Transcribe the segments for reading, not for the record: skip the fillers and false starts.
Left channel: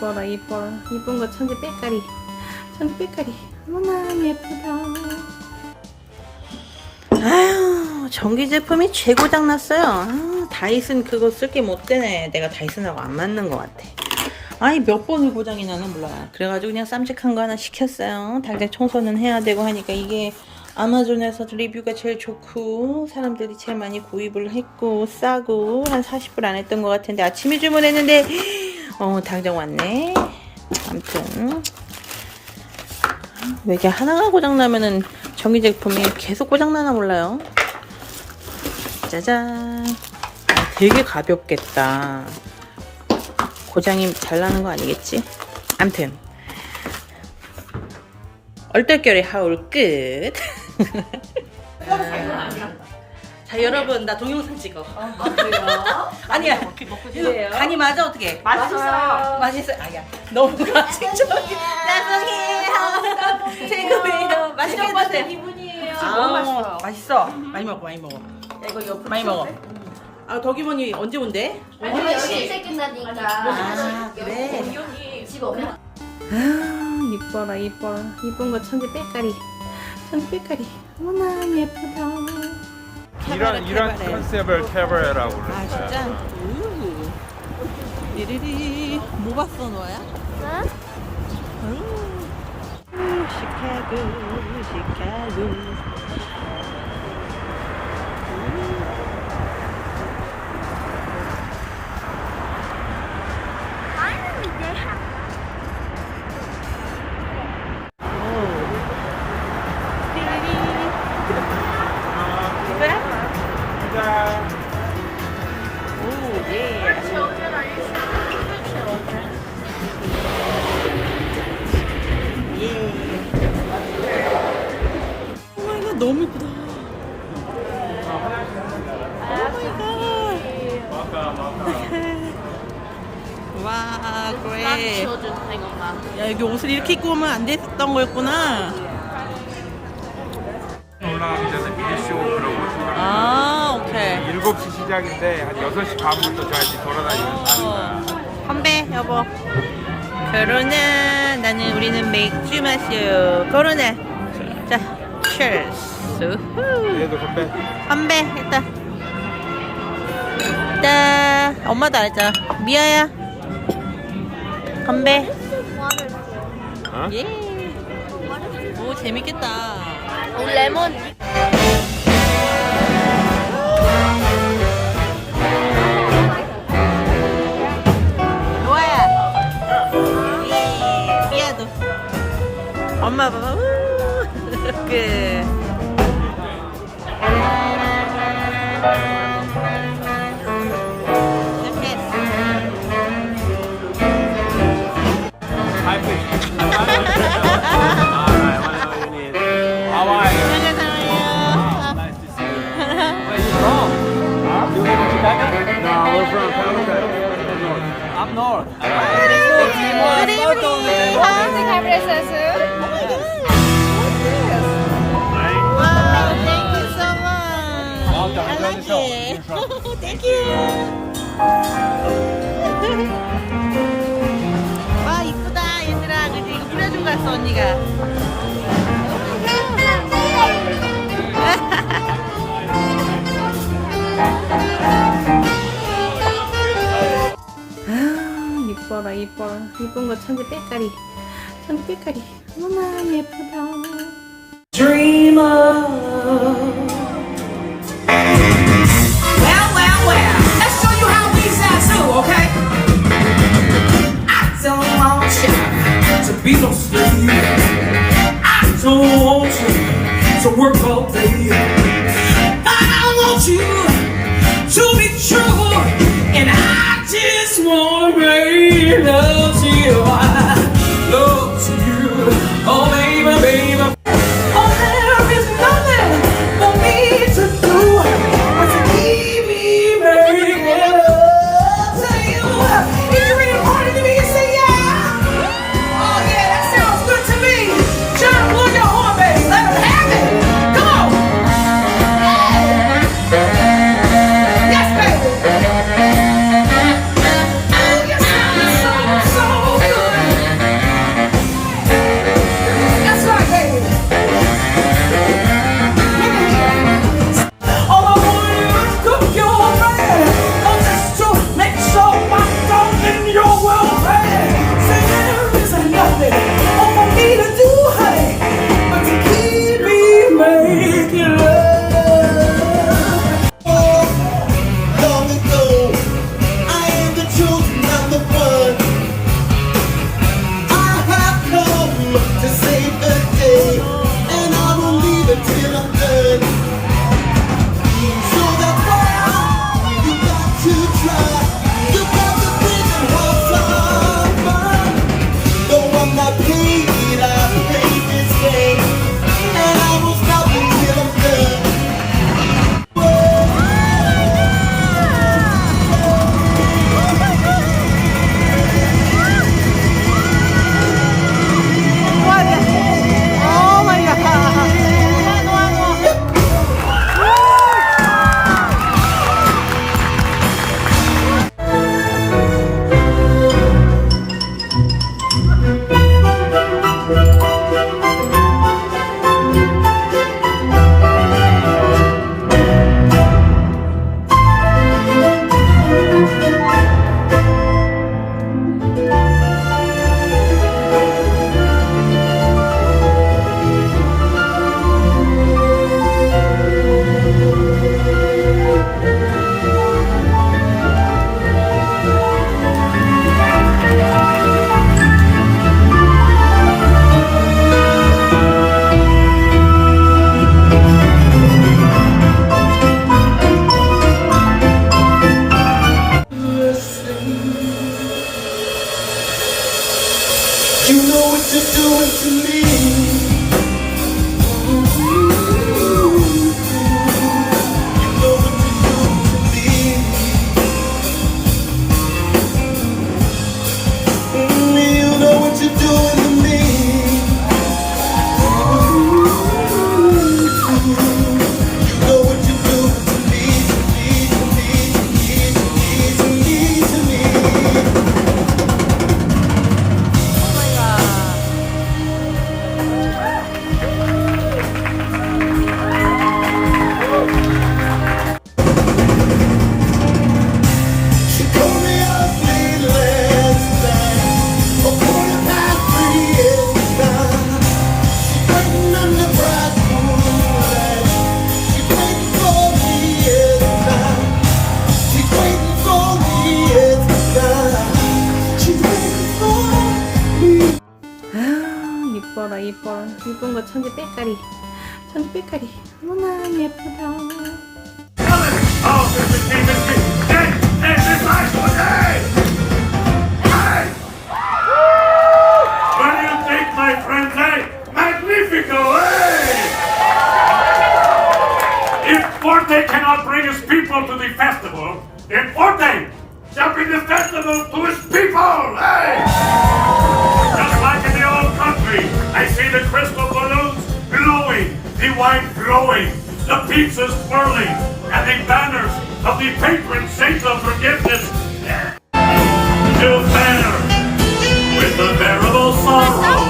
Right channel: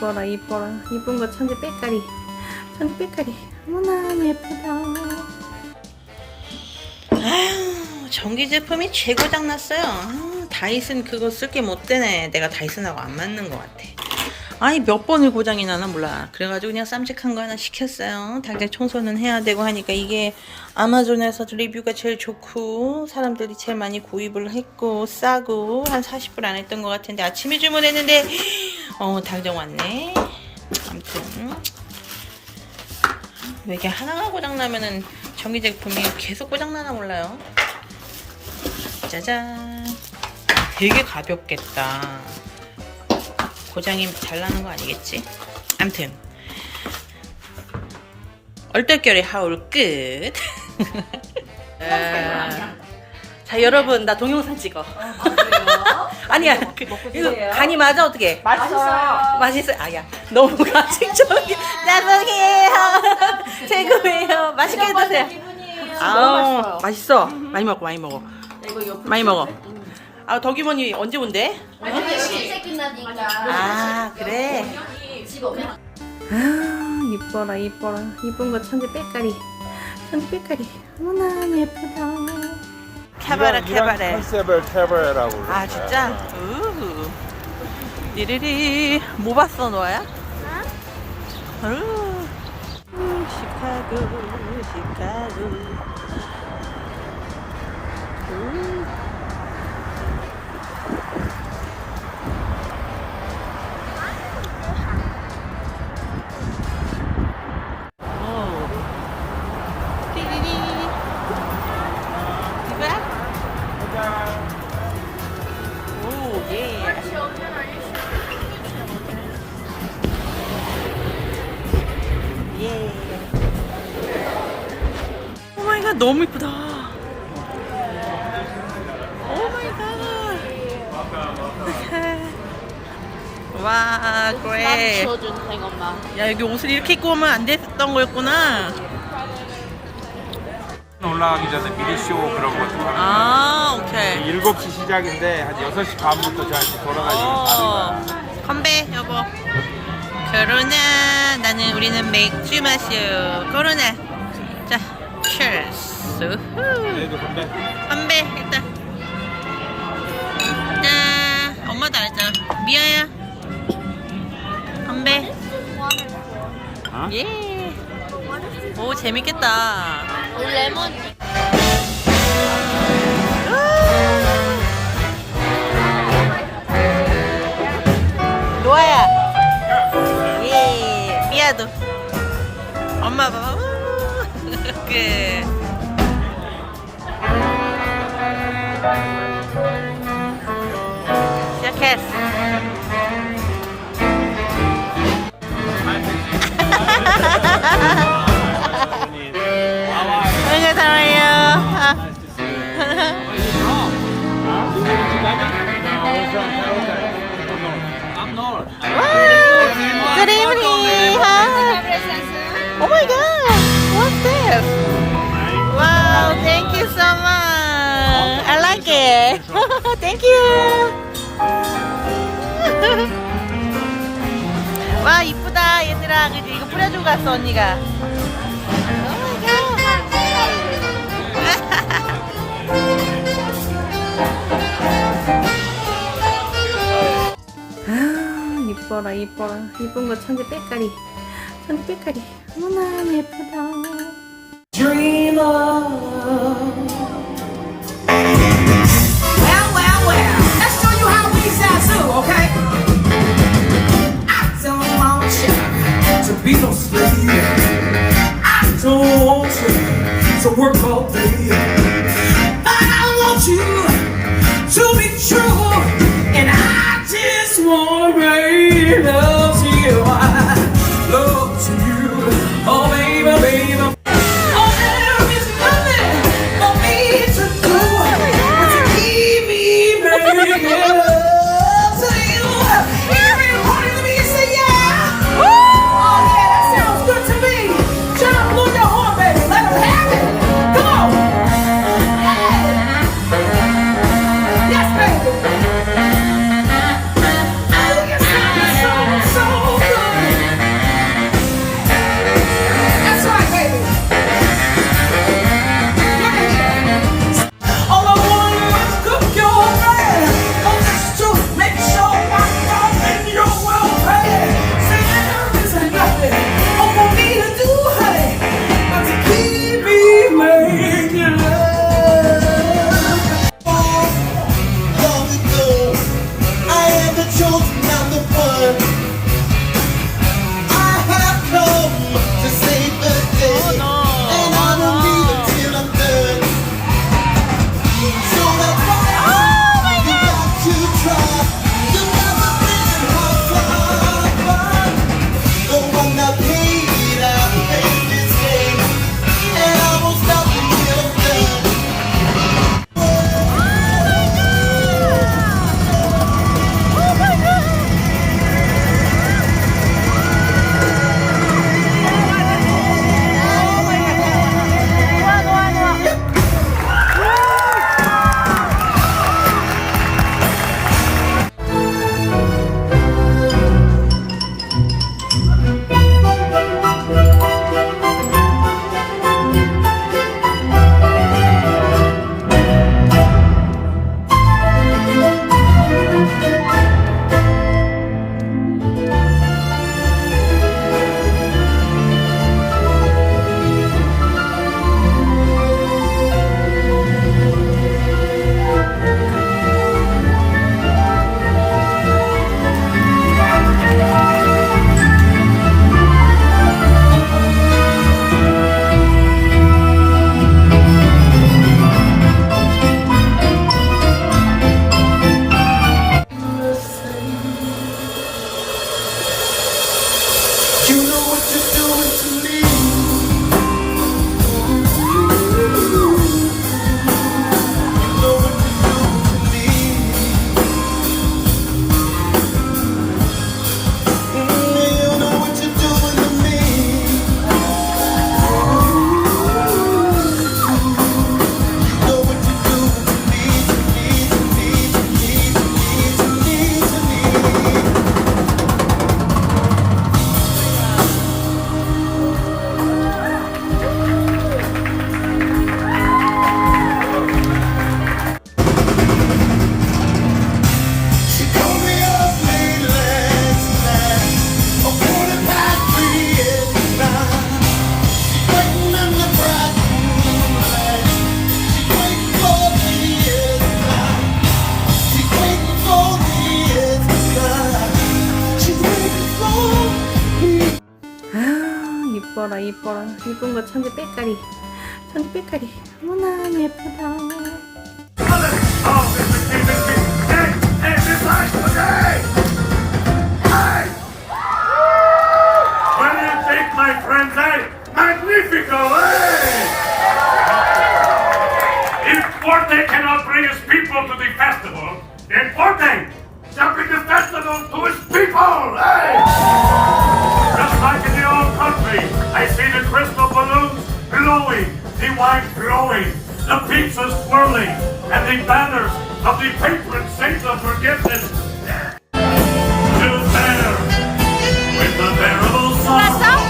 이뻐라 이뻐라 이쁜 거 천재 빽가리 천재 빽가리 어머나 예쁘다. 아유 전기 제품이 최고장 났어요. 아, 다이슨 그거 쓸게 못 되네. 내가 다이슨하고 안 맞는 것 같아. 아니 몇 번을 고장이 나나 몰라. 그래가지고 그냥 쌈직한 거 하나 시켰어요. 당장 청소는 해야 되고 하니까 이게 아마존에서 리뷰가 제일 좋고 사람들이 제일 많이 구입을 했고 싸고 한 40불 안 했던 것 같은데 아침에 주문했는데 당장 왔네. 아무튼 왜 이게 하나가 고장나면은 전기 제품이 계속 고장나나 몰라요. 짜잔. 되게 가볍겠다. 고장이 잘 나는 거 아니겠지? 암튼 얼떨결에 하울 끝. 자 여러분 나 동영상 찍어. 그래요? 아니야 이거 간이 맞아 어떻게? 맛있어요. 맛있어. 아야 너무 가식적이 짜증해요. 최고예요. 맛있게 드세요. 기분이에요. 아우 맛있어. 많이 먹어 많이 먹어 많이 먹어. 아 덕이모니 언제 온대? 실제 끝나니까. 아 그래. 집 없나? 아 이뻐라 이뻐라 이쁜 거 천재 빽가리 천재 빽가리 어머나 예쁘다. 캐바라 캐바레. 컨셉을 캐바레라고. 아 진짜? 리리리 뭐 봤어 너야? 시카고 시카고. 가자. 오, 예. 예. 오 마이 갓, 너무 이쁘다. 오 마이 갓. 와, 그래. 야, 여기 옷을 이렇게 입고 오면 안 됐던 거였구나. 올라가기 전에 미니쇼 그런 거. 아, 오케이. 7시 시작인데 한 6시 반부터 다시 돌아가요. 건배 여보. 코로나. 나는 우리는 맥주 마셔. 코로나. 자, cheers. 얘도 건배. 건배 일단. 자, 엄마도 알잖아. 미아야. 건배. 어? 예. 오 재밌겠다. 레몬. 노아야. 예. 미아도. 엄마 봐봐. 그. 시작했어. 안녕히 살아요. No, we're from Palestine. From north. I'm north. Good evening. Oh my God. What's this? Wow, thank you so much. I like it. Thank you. 와 이쁘다 얘들아. 이거 뿌려주고 갔어 언니가. Oh my God. 아 이뻐라 이뻐라 이쁜 거 천재 빽가리 천재 빽가리 어머나 예쁘다. Dreamer. Well, let's show you how we sound too, okay? I don't want you to be so slave. I don't want you to work all day. But I want you to be true. And I just want to make love to you. Love to you. Oh, baby, baby. Oh, there is nothing for me to do. Keep me making love to you. If you're important to me, you say yeah. Oh yeah, that sounds good to me. John, blow your horn, baby. Let him have it. Come on. 이뻐라 이뻐라 이쁜 거 천지 빽가리 천지 빽가리 어머나 예쁘다. Oh, Mr. King, hey, this last one, hey! Hey! What do you think, my friends, hey? Magnifico, hey! If Forte cannot bring his people to the festival, then Forte shall bring the festival to his people, hey! Just like in the old country, I see the crystal balloons glowing, the wine flowing, the pizzas swirling, and the banners of the patron saints of forgiveness to bear with unbearable sorrow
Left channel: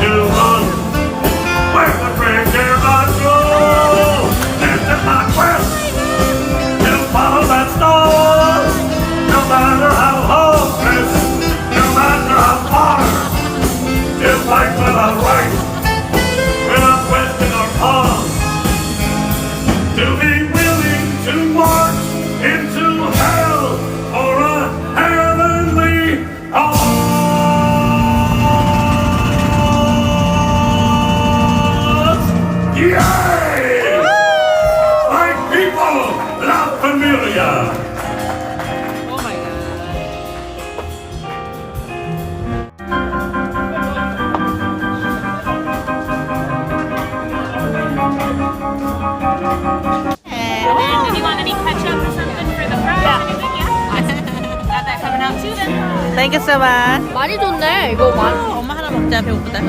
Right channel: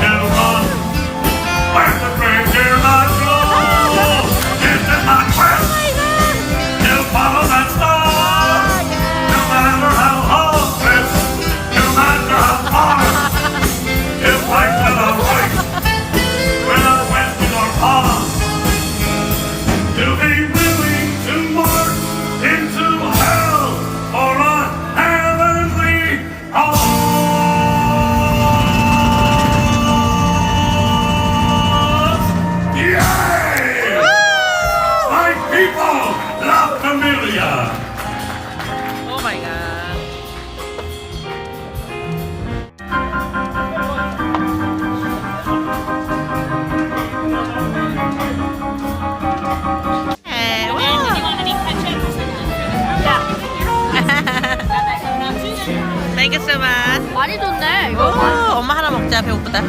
to run where the brave dare not go, and to not quest to follow that star, no matter how hopeless, no matter how far, to fight for the right without question or pause. To be willing to march into hell for a heavenly cause. Yay! My people, La Familia. Oh my god. And then, do you want any ketchup or something for the fries? Got that coming out too then. Thank you so much. 많이 좋네 오, 엄마 하나 먹자. 배고프다.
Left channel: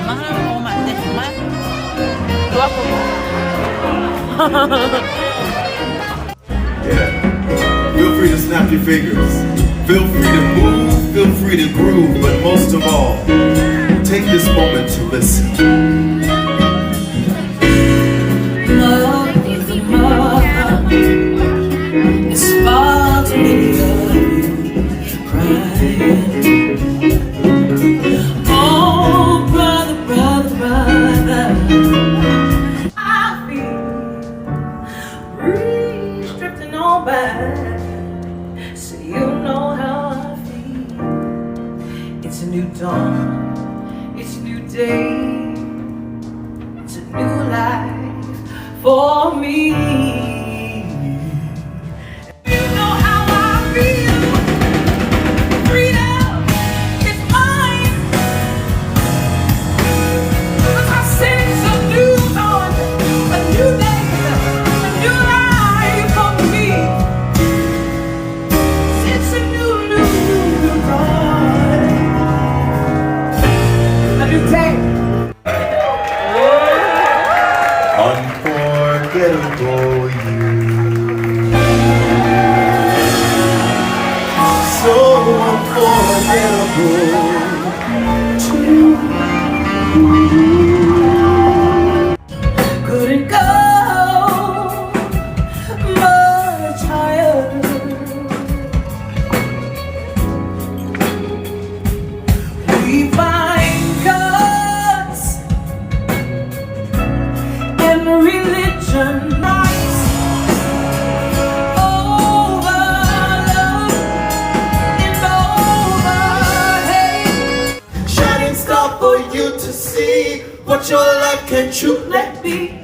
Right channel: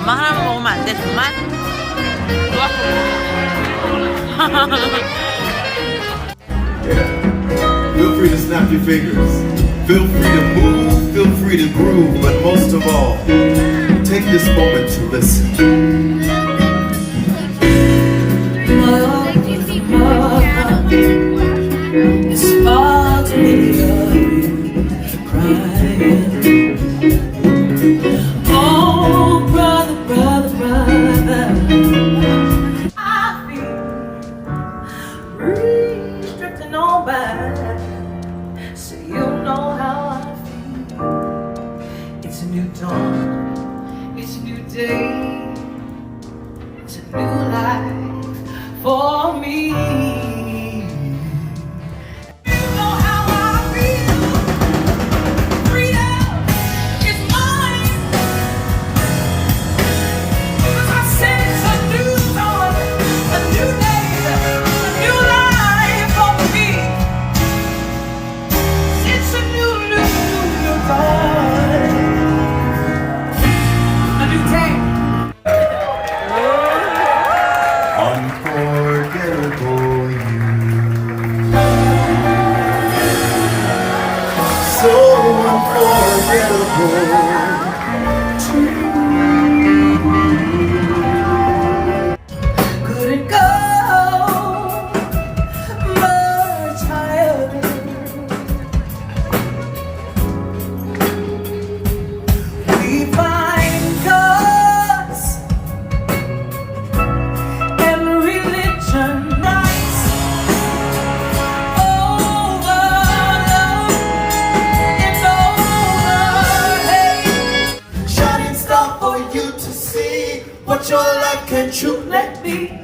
엄마 하나만 먹으면 안 돼, 정말? Yeah. Feel free to snap your fingers. Feel free to move, feel free to groove, but most of all, take this moment to listen. It's far to me of you crying. Oh, brother, brother, brother, I feel breeze drifting on by, so you know how I feel. It's a new dawn, it's a new day, it's a new life for me. Unforgettable you. So unforgettable too. Couldn't go much higher. We find cause in religion rights over love and over hate. Shining star for you to see what your life can truly Let me.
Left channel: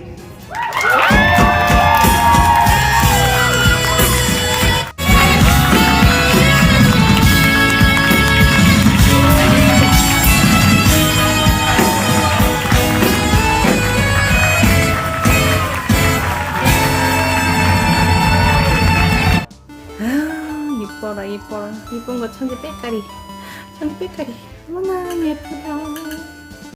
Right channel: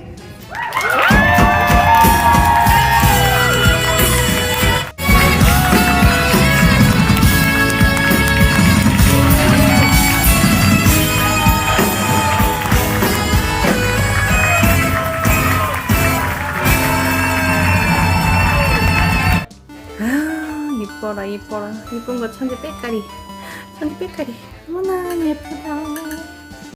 아, 이뻐라 이뻐라 이쁜 거 천지 빽가리 천지 빽가리 어머나 예쁘다.